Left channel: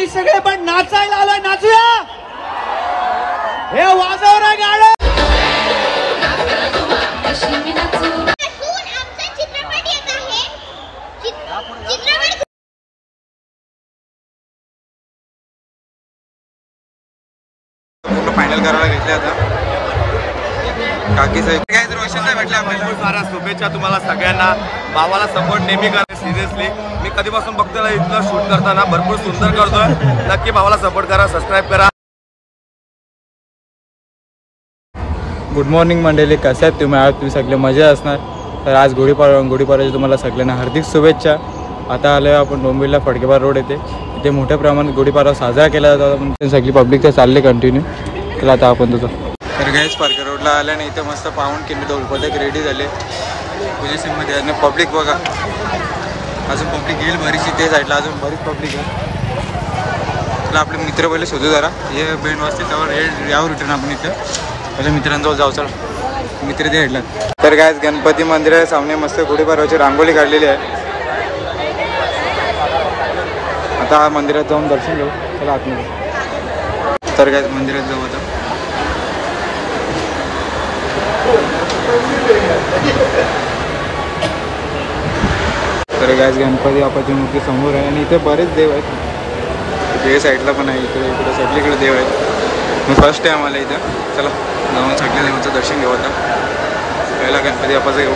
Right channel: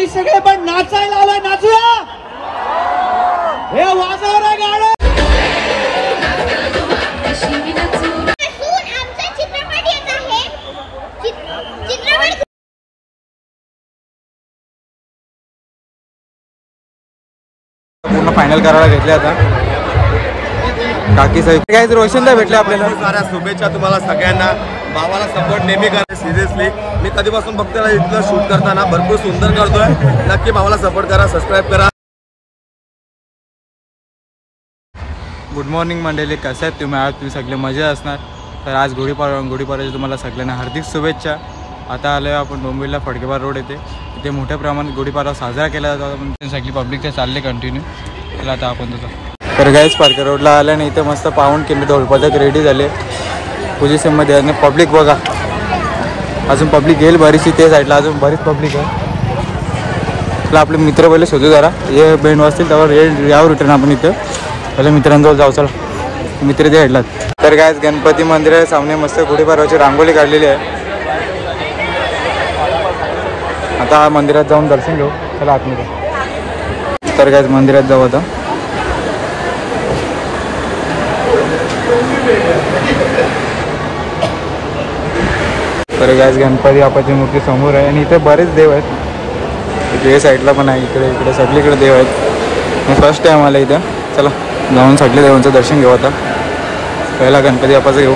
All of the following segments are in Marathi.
आम्ही सगळे पण नाचायला आलोय, नाचूया. हे वाजव रे गाणं. पूर्ण फायनल करायला घेतले आता काकी साहेब. काय रोशनदा भेटले आपल्याला. साऱ्या शुभेच्छा तुम्हाला सगळ्यांना. भावाला सपोर्ट नेहमी करा. सिरियसली मी कधीपासून बघतो इथलं शूट करताना भरपूर सुंदर करतोय. नक्की भावाला सपोर्ट करा, सबस्क्राईब करा. गुड मॉर्निंग मंडळी, कसे आहेत तुम्ही? आज तुम्ही सगळे मजा असणार. तर आज गुढीपाडव्याची तुम्हाला सगळ्यांना हार्दिक शुभेच्छा. आता आलो आपण डोंबिवलीला फडकेबार रोड येथे. इथे मोठ्या प्रमाणात गुढीपाडवा साजरा केला जातो. पण सगळी पब्लिक ते चालले कंटिन्यू. चला आता आपण तुझं. तर गाईस फडके रोडला आल्याने इथं मस्त पाहून केले, ढोलपथक रेडी झाले पोझिशनमध्ये. आणि पब्लिक बघा, अजून पब्लिक येईल बरीचशी. ते साईडला अजून बरीच पब्लिक आहे. चला आपले मित्र पहिले शोधू जरा. हे बेंड वाजतील त्यावर यावर रिटर्न आपण इथं पहिले मित्रांजवळ जाऊ. चला मित्र ते भेटलात. तर काय गणपती मंदिर सामने मस्त गुढीपाडव्याची रांगोळी काढलेली आहे. आता मंदिरात जाऊन दर्शन घेऊ. चला आतमध्ये. तर काय मंदिरात जाऊ आता. तर काय गणपती बाप्पाची मूर्ती समोर आहे. आणि इथे बरेच देव आहेत. इथे साईडला पण आहे, इकडे सगळीकडे देव आहेत. मी फर्स्ट टाईम आला इथं. चला जाऊन सगळे देवांचं दर्शन घेऊ. आता पहिला गणपती बाप्पाचं घेऊ.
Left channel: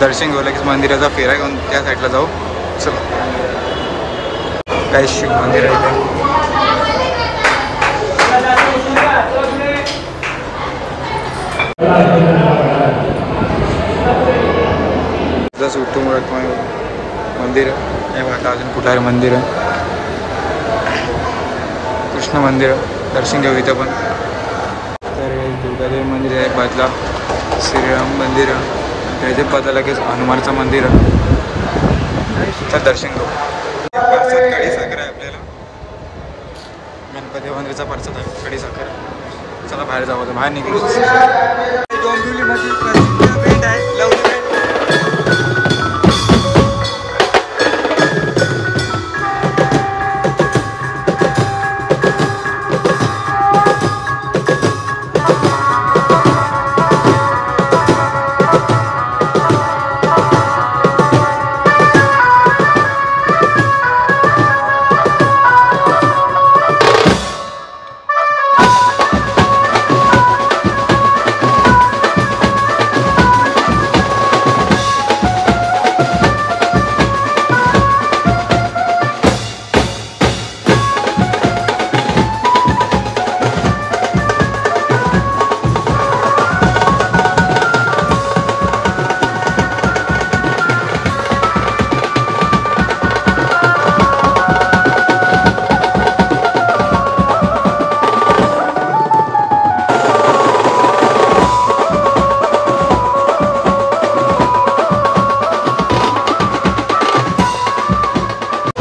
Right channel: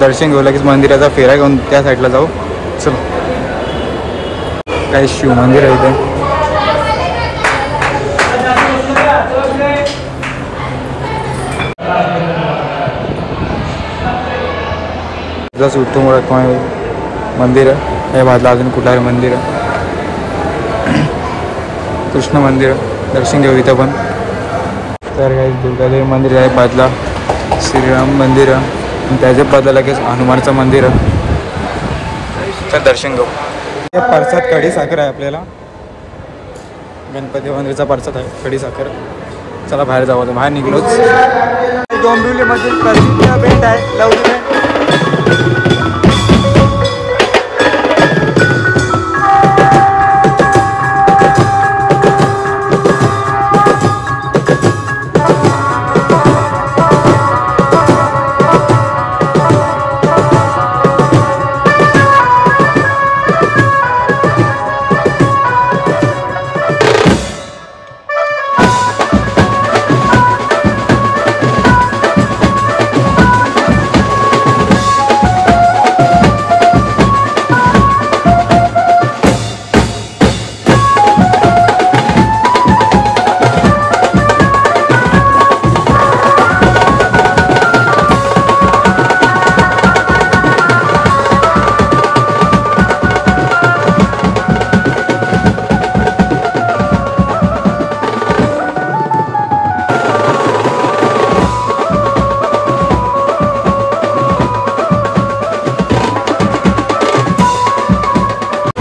दर्शन घेऊ. लगेच मंदिराचा फेरा घेऊन त्या साईडला जाऊ. चला काय शिव मंदिर आहे इथे. विठ्ठल मंदिर आहे माझलं. अजून कुठलं मंदिर आहे, कृष्ण मंदिर. दर्शन घेऊ इथं पण. तर काही दुर्गादेवी मंदिर आहे बाजूला. श्रीराम मंदिर आणि त्याच्या बाजूला लगेच हनुमानचं मंदिर आहे. तर दर्शन घेऊ. प्रसाद कढी साखर आहे आपल्याला. गणपती मंदिराचा प्रसाद आहे कढी साखर. चला बाहेर जाऊ. आता बाहेर निघलोच. डोंबिवलीमध्ये प्रसिद्ध भेट आहे लवली भेट.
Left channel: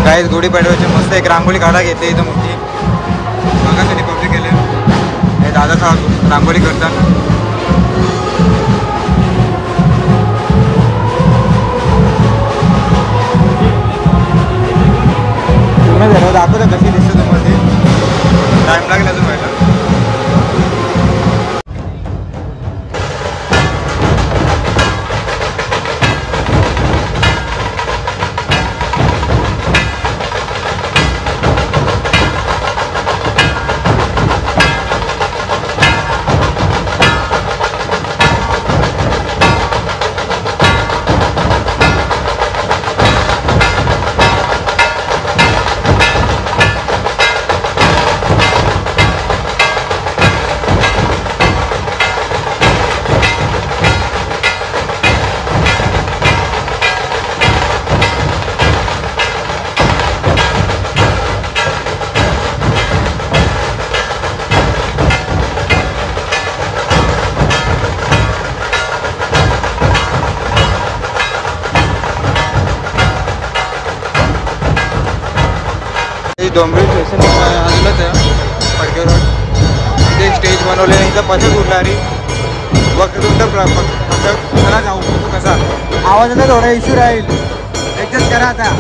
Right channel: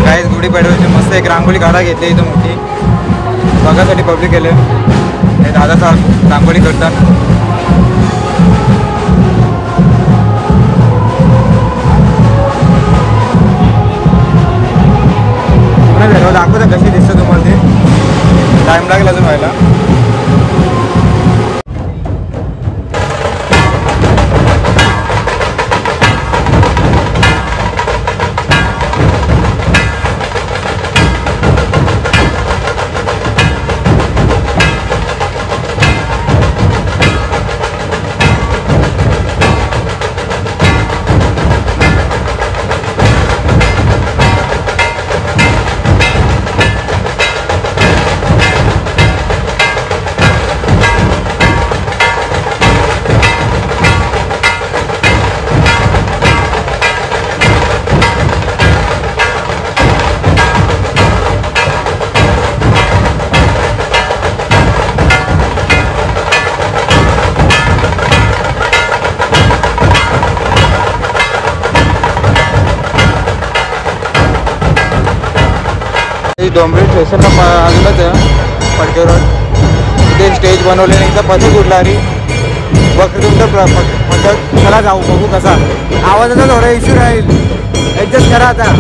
काय गुढीपाडव्याची मस्त एक रांगोळी काढा घेतली इथं मोठी. बघासाठी पब्लिक गेले. हे दादा साहेब रांगोळी करतात. दाखवतात कशी दिसतं तुम्हाला ते. टाईम लागेल अजून व्हायला. डोंबिवली स्टेशनला आलेलंच आहे फडके रोड. इथे स्टेज बनवले नाही, इथं पथक उडला रे वक्रतुंड पथक. चला जाऊ बघू कसा. आवाजाचा थोडा इश्यू राहील, ॲडजस्ट करा आता.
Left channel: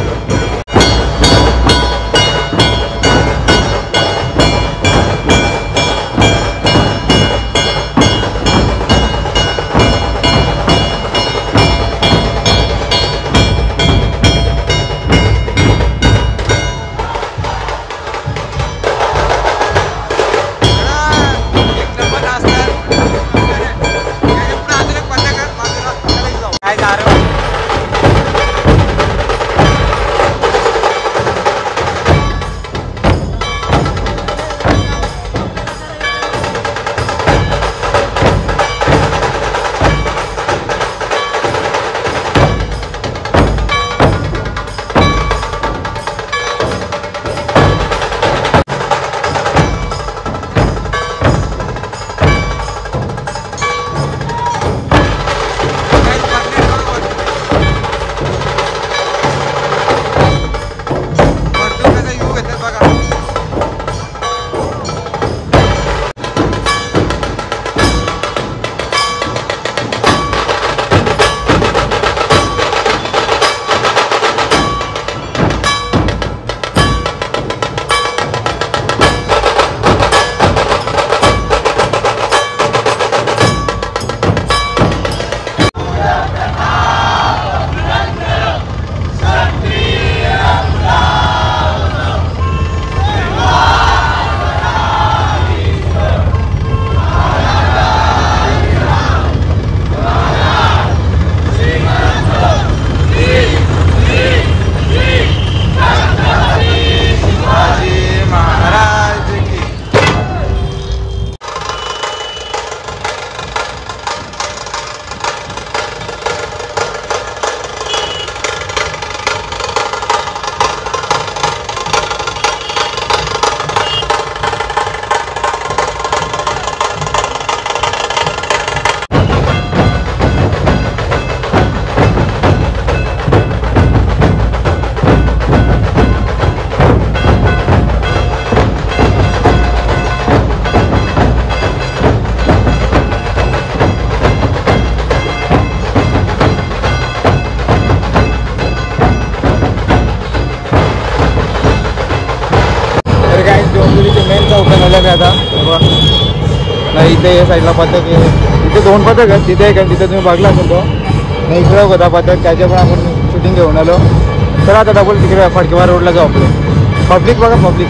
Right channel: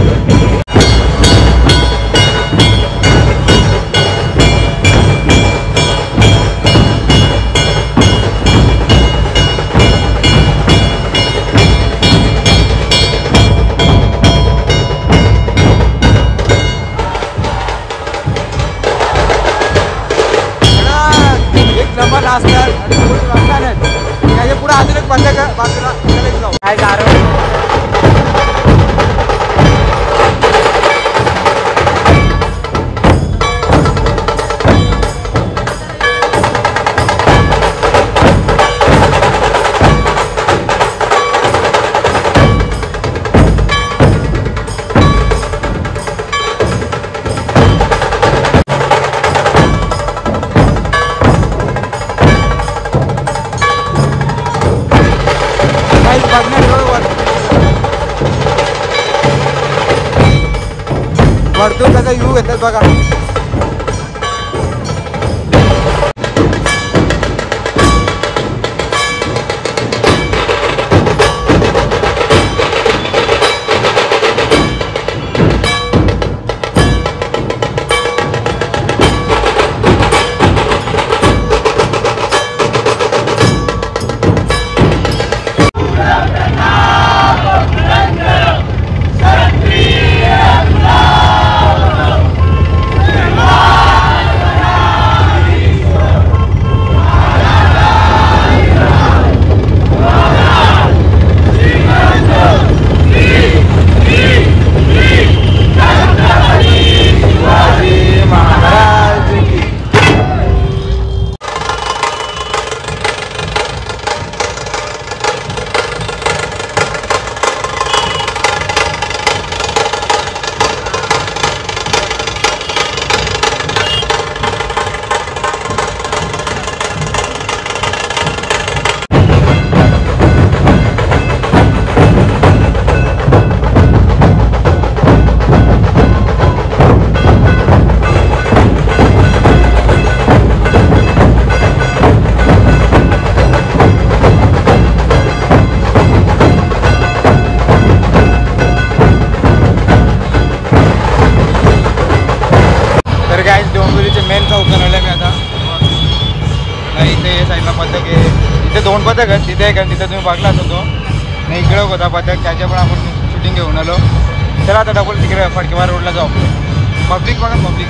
असणार त्याच्या पुढे अजून एक पथक बाजूला काय वरतून कसा व्ह्यू घेतात बघा. डोंबिवलीचे मेन चौक बनवल्या मी आता. नाही इथे या साईडला पथक आहे, इथे 2 पथक आहेत, तिथे एक आहे, तिथे तुम्ही बघला असेल तो. नाही इकडे होता पथक, त्याच्या पण आपण शूटिंग घेऊन आलो. चला आता डबल तिकडे फडकेवार रोडला जाऊ. आपलं पब्लिक बघा, पब्लिक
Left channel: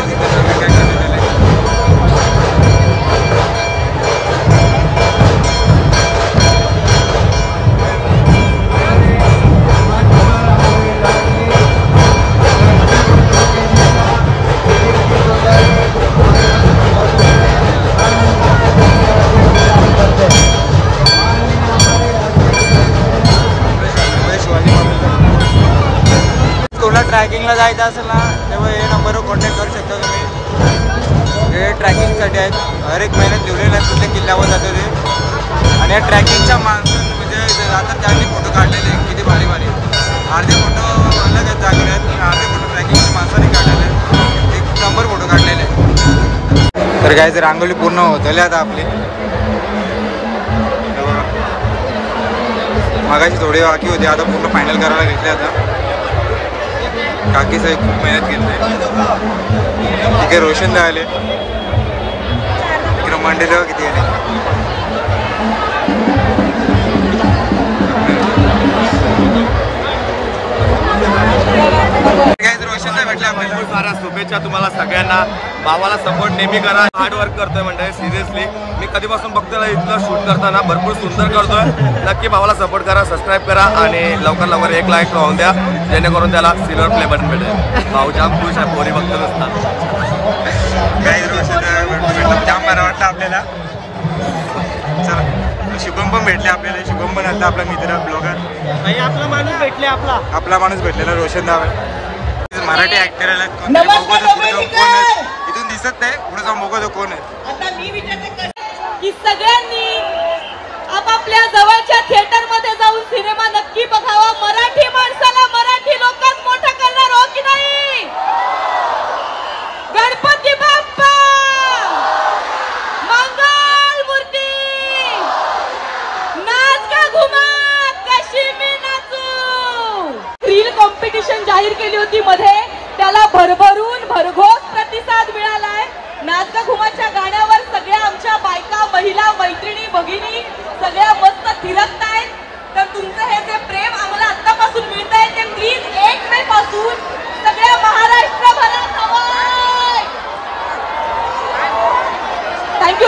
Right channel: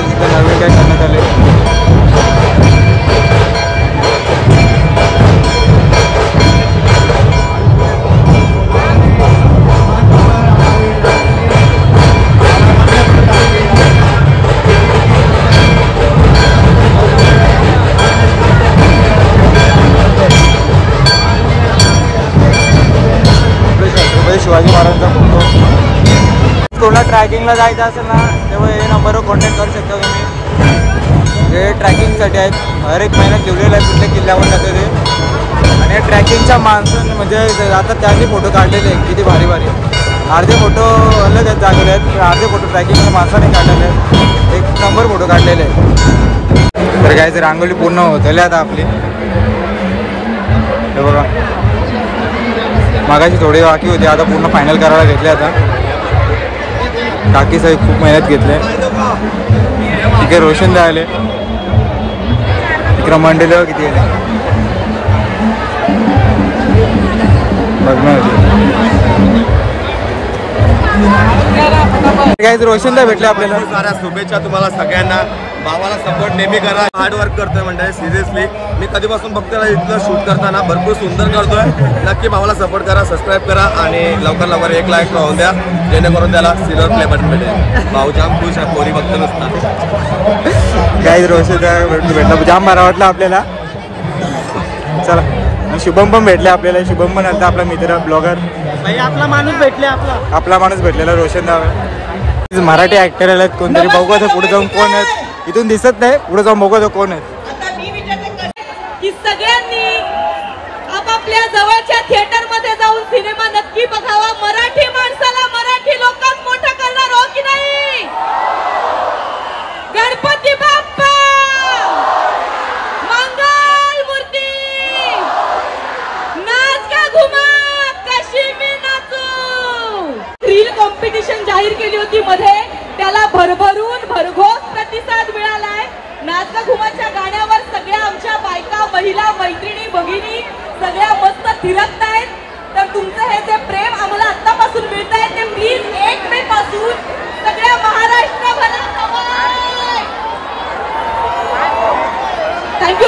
इथे नवीन काय करण्यात आले. शिवाजी महाराजांचा फोटो. कोणाला ट्रॅकिंगला जायचं असेल ना तेव्हा हे नंबरवर कॉन्टॅक्ट करू शकता तुम्ही. हे ट्रॅकिंगसाठी आहेत, हर एक महिन्यात लिहिलेलं आहे, प्रत्येक किल्ल्यावर जातं ते. आणि या ट्रॅकिंगच्या माणसं म्हणजे आता त्यांनी फोटो काढलेले आहेत, किती भारी भारी आहेत. अर्धे फोटो अलग आहेत जागवले आहेत, अर्धे फोटो ट्रॅकिंगच्या माणसाने काढलेले आहेत. एक नंबर फोटो काढलेले आहेत. तर काय रांगोळी पूर्ण होतले आता आपली. हे बघा मागाची थोडी बाकी होती, आता पूर्ण फायनल करायला घेतले. आता काकी साहेब खूप मेहनत घेतले. तिकडे रोशन दा आले, तिकडे मंडेले किती आले. काय रोशन दा भेटले आपल्याला. खूप साऱ्या शुभेच्छा तुम्हाला सगळ्यांना. भावाला सपोर्ट नेहमी करा. हार्ड वर्क करतोय म्हणजे सिरियसली मी कधीपासून बघतोय इथलं शूट करताना भरपूर सुंदर करतोय. नक्की भावाला सपोर्ट करा, सबस्क्राईब करा आणि लवकर लवकर 1 लाख राहून द्या, जेणेकरून त्याला सिल्वर प्ले बटन भेटेल. भाऊ जाम खुश आहे, पोरी बघतो नसता. काही रोशन भेटला जाम बरा वाटला आपल्याला. चला शुभम पण भेटले आपल्याला. शुभम पण आलता आपला मित्र ब्लॉगर. भाई आपला माणूस भेटले. आपला माणूस भेटलेला रोशन दादा. मराठी ऍक्टर आलेत कोणतरी. बघू आता पुढे जाऊन कोण आहेत. इथून दिसत नाही, पुढे जाऊन बघू कोण आहेत. की सगळ्यांनी आपापल्या जवळच्या थिएटर मध्ये जाऊन सिनेमा नक्की बघावा. मराठी माणसाला मराठी लोकांत मोठा करणार हो की नाही. गणपती बाप्पा मंगल मूर्ती. नाच का घुमा कशी मी नाचू. रील कॉम्पिटिशन जाहीर केली होती मध्ये, त्याला भरभरून भरघोस प्रतिसाद मिळालाय. नाच का घुमाच्या गाण्यावर सगळ्या आमच्या बायका, महिला, मैत्रिणी, भगिनी सगळ्या मस्त थिरकतायत. तर तुमचं हे जे प्रेम आम्हाला आतापासून मिळत आहे ते प्लीज 1 मे पासून सगळ्या महाराष्ट्रभरात.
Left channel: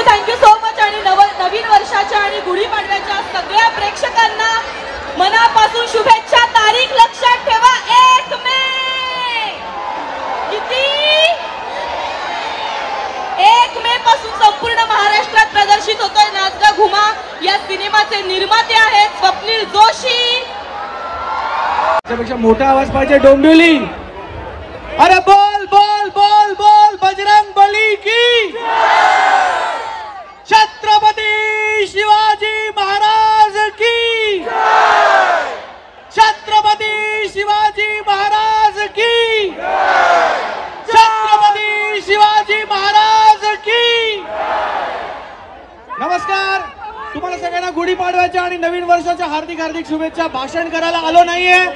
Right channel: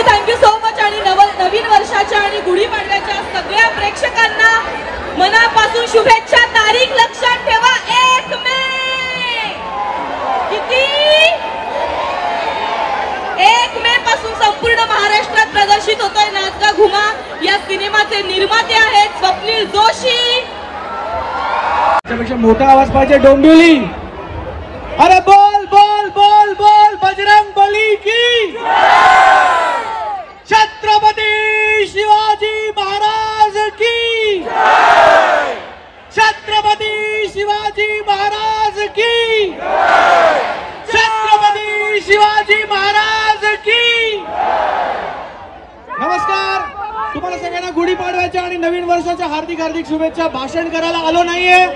Thank you so much. आणि नवीन वर्षाच्या आणि गुढीपाडव्याच्या सगळ्या प्रेक्षकांना मनापासून शुभेच्छा. तारीख लक्षात ठेवा 1 मे. किती 1 मे पासून संपूर्ण महाराष्ट्रात प्रदर्शित होतोय नाच का घुमा. या सिनेमाचे निर्माते आहेत स्वप्नील जोशी. त्यापेक्षा मोठा आवाज पाहिजे डोंबिवली. अरे बोल बोल बोल बोल बजरंग बली की. छत्रपती शिवाजी महाराज की. छत्रपती शिवाजी महाराज की. छत्रपती शिवाजी महाराज की. नमस्कार. तुम्हाला सगळ्यांना गुढीपाडव्याच्या आणि नवीन वर्षाच्या हार्दिक हार्दिक शुभेच्छा. भाषण करायला आलो नाहीये,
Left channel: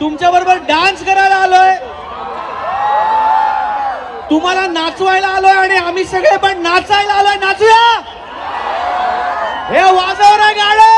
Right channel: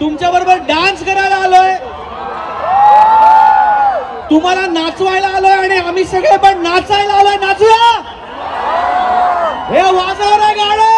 तुमच्या बरोबर डान्स करायला आलोय. तुम्हाला नाचवायला आलोय आणि आम्ही सगळे पण नाचायला आलोय. नाचूया. हे वाजव रे गाणं.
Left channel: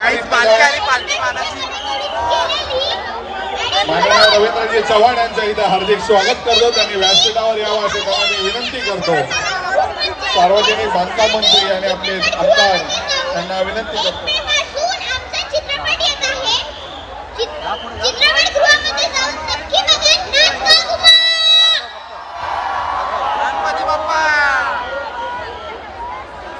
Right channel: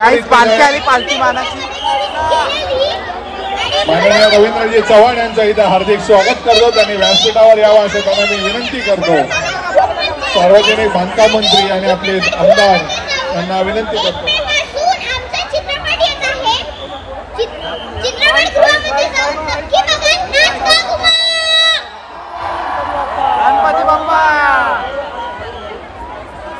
काहीच पालखी आली, पालखी मानाची. माननीय रवींद्रजी चव्हाण यांचं इथं हार्दिक स्वागत करतो. त्यांनी व्यासपीठावर यावं असं त्यांना मी विनंती करतो. सार्वजनिक बांधकाम मंत्री आणि आपले आमदार यांना विनंती करतो. गणपती बाप्पा.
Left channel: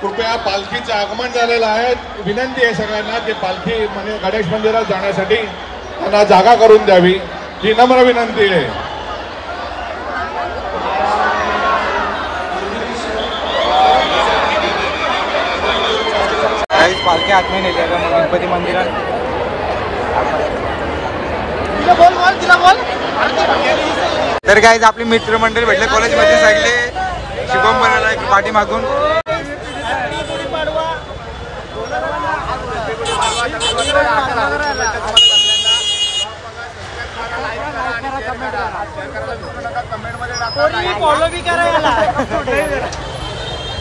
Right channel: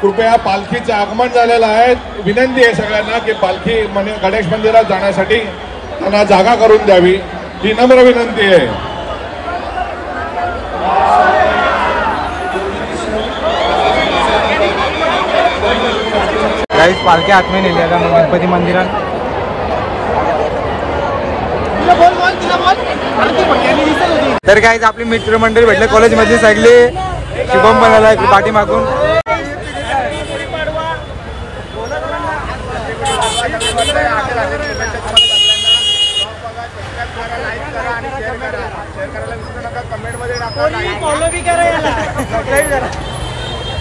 कृपया पालखीचं आगमन झालेलं आहे. विनंती आहे सगळ्यांना की पालखी गणेश मंदिरात जाण्यासाठी त्यांना जागा करून द्यावी, ही नम्र विनंती आहे. काहीच पालखी आतमध्ये नेली आता गणपती मंदिरात. तर काहीच आपली मित्रमंडळी भेटले कॉलेजमध्ये सगळे. शुभम पण आला पाठी मागून.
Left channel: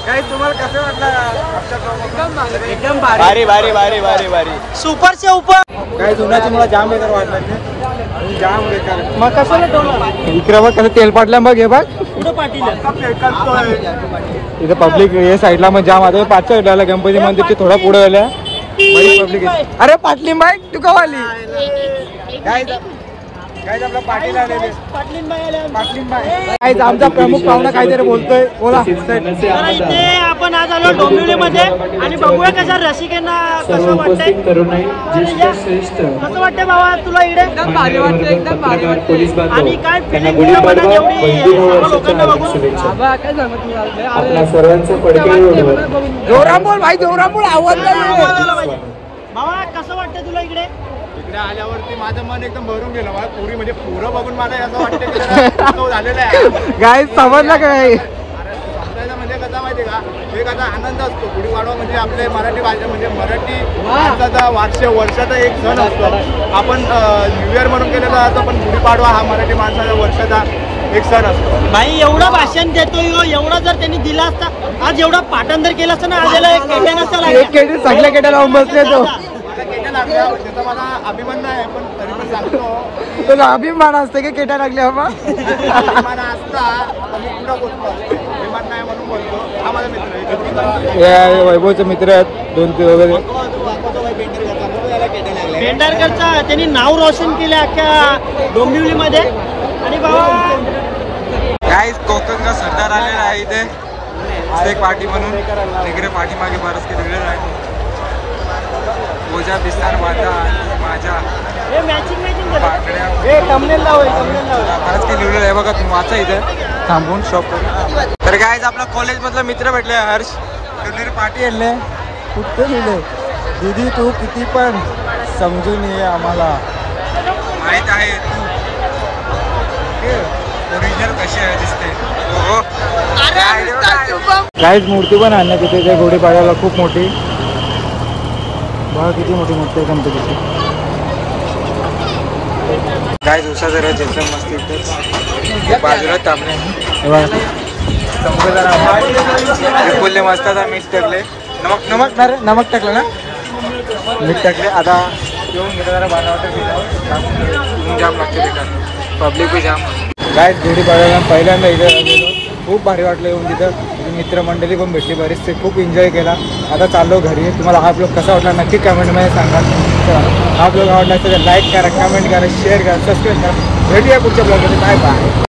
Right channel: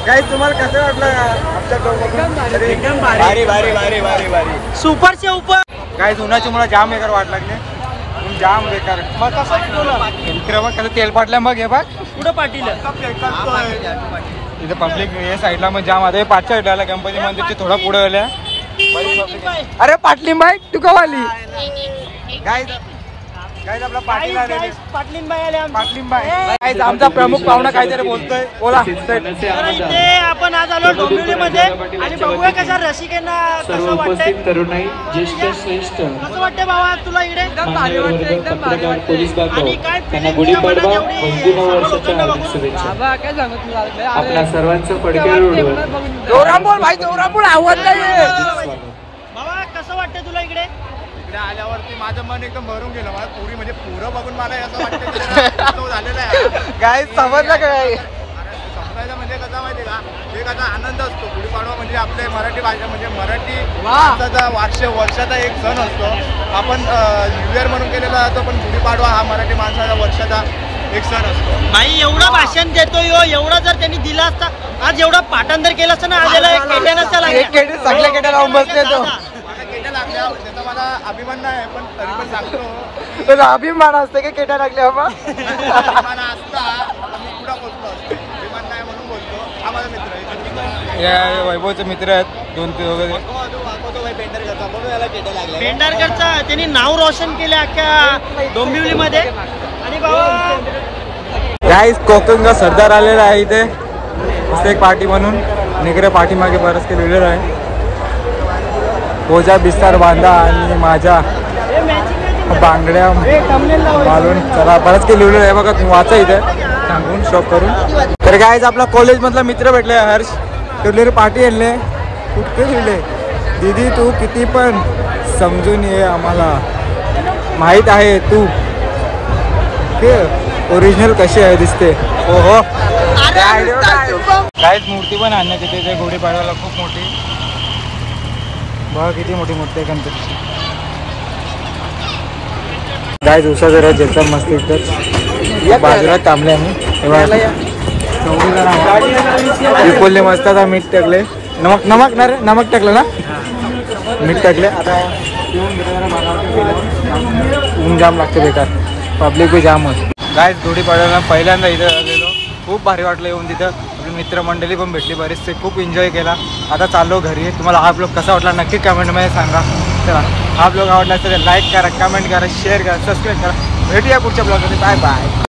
काही तुम्हाला कसं वाटलं आमच्या एकदम भारी भारी भारी भारी भारी सुपर से ऊपर. काही उन्हाची मला जाम बेकार वाटलं की जाम बेकार. मग कसं इकडे बघ कसं तेल पाटलं बघ. हे बघ कुठं पाटील इथे पब्लिक हे साईडला मग जाम आता. 5च्या साईडला गणपती मंदिरची थोडा पुढे आल्या. अरे पाटलीन बाई तू कवाली काय काय आपला पाटील आलेले. पाटलीन बाई आमचा प्रमुख पाहुणा काहीतरी बोलतोय. बोला. इथे आपण आज आलो डोंबिवलीमध्ये आणि बघूया कशा रसिकांना कसं वाटतंय. कसं वाटतंय बाबा तुला इकडे. एकदम भारी वाटतं. एकदम भारी वाटतंय. आणि काय फिलिंग तुला मनात एवढी लोकांना बघून. बाबा काय सांगत तुला जोरा बोल भाई. जोरा बोल. आवडलं बाबा. कसं वाटतंय तुला इकडे. इकडे आल्यावरती माझं मन एकदम भरून गेलं. मला पुरी म्हणजे पोरं बघून मला असं वाटतं झालेलं आहे. काय समजलं काय. समजायचं म्हणजे कसा माहिती का, एक असा आनंद असतो. गुढीपाडवा म्हणजे आपल्या मराठी भाषा म्हणजे मराठी माणसाचा वर्षाचा एक सण असतो. आपण न्यू इयर म्हणून केलेला जातो, पण गुढीपाडवा हा मराठी माणसाचा वर्षाचा एक सण असतो. भाई एवढं भाषण देतो यो. एवढं जर त्यांनी दिला असता, आज एवढं पाठांतर केलं असतं ना, आज याला एक केट्या नसता लागला. सगळ्या केट्या लावून बसले तो. लागल्या त्याचा मला अभिमान नाही पण तरी पण सांगतो तर अभिमान असते की केटा लागल्या मग अभिमान असता तर मी पुढे बोलतो अभिमान नाही म्हणून बोलतो. हा माझा मित्र आहे. हे वैभवचे मित्र आहेत 2 वगैरे. पेंढारकरचा त्यांनी नाव रोशन केले अख्ख्या डोंबिवलीमध्ये. आणि बाबा गाईस कोकणचा सरदार आलेला आहे इथे मस्त एक पार्टी म्हणून. निगरे पाठीमागे बरंच काही लिहिलेलं आहे. ओझा बिस्तार बांधा आणि माझ्या बांगड्या चला बरंच काही लिहिलेलं आहे बघा. तुम्ही वाचा इथे थांबून शॉप करून. तर गाईज आपला कॉलेज मधला मित्र भेटले हर्ष. ठेवलेली पार्टी आणले. दीदी तू किती पण समजून ये माहीत आहे तू ओरिजिनल कशी आहे दिसते. हो हो काहीच मूर्ती पण आणण्यात तिथे ते गुढीपाडव्याला खूप मोठी. बघा किती मोठी मूर्ती आहे गणपतीची. गाईज उषा जरा ज्याचं मस्त इथंच बाजूला थांबले. चौघे विपुलने मस्त आता मीठ टाकले. नमक नमक नमक टाकलं ना टाकले. आता येऊन घेतो जरा बनवतो. ऊन जाम लागते बेकार. पब्लिक बी जाम होत. गाईज गुढीपाडव्याला पहिल्यांदा इथं आलेलो. खूप भारी वाटलं येऊन तिथं. मित्रमंडळी पण भेटली बरेचसे. खूप एन्जॉय केला. आता चाललो घरी. तुम्हाला हा ब्लॉग कसा वाटला नक्की कमेंटमध्ये सांगा. चला हा ब्लॉग आवडला असेल तर लाईक करा, कमेंट करा, शेअर करा, सबस्क्राईब करा. भेटूया पुढच्या ब्लॉगमध्ये. Bye bye.